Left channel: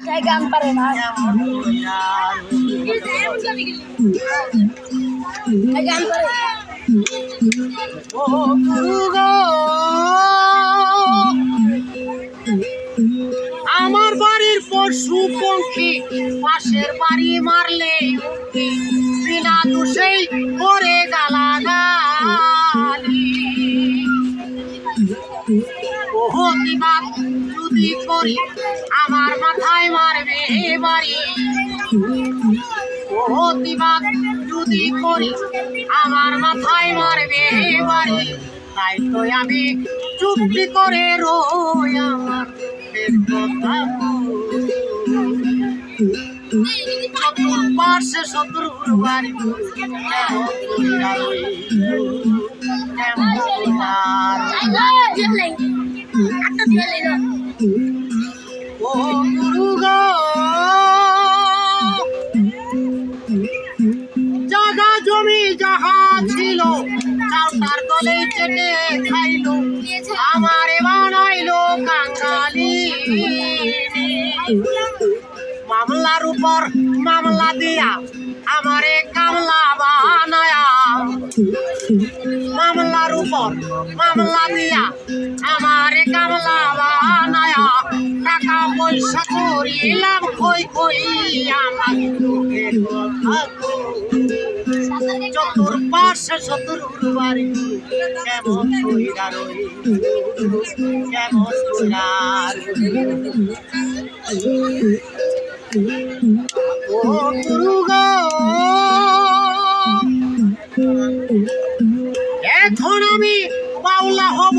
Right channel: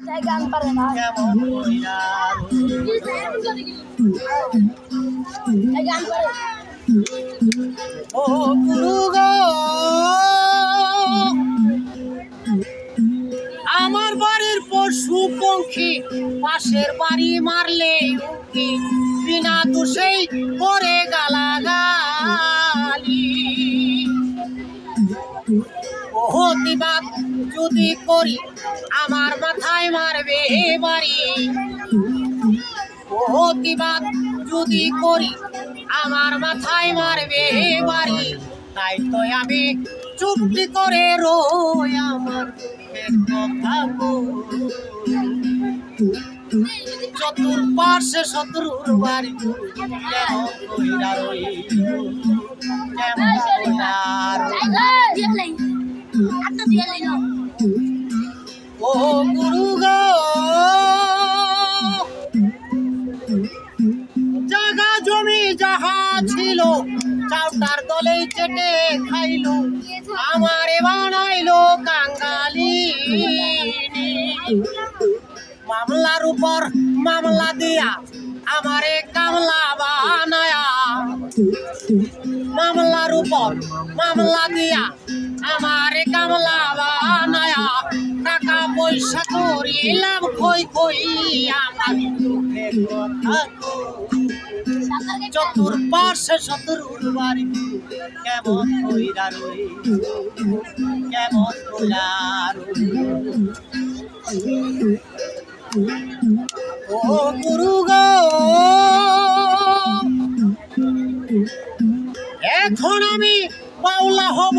গান পারে না গান পারে ও গুরু গো আমার বাড়ির পশু পঙ্খী পাশের বাড়ি মারলে উকি বিনা দোষেই করে গালাগালি প্রতিবাদ যদি করি আমার মাথায় মারবে বাড়ি প্রতিবাদ যদি করি আমার মাথায় মারবে বাড়ি তাই তো আমি চুপটি করে রই আমার চতুর্পাশে শত্রুর বাড়ি ও গুরু গো জাগা জমি যাহা ছিল চাউটার তলে চেটে খাইল আমারে বানাইলো কাঙ্গালি মামলার উপর মামলা দিয়া আমারে কামলা বানায়া মামলার উপর মামলা দিয়া আমারে কামলা বানায়া টাকা পয়সা করিলাম কই কই আমার দুঃখের কথা চতুর্পাশে শত্রুর বাড়ি কেমন কইরা রই কেমন কইরা ও গুরু গো এখন আমি বাউলা হব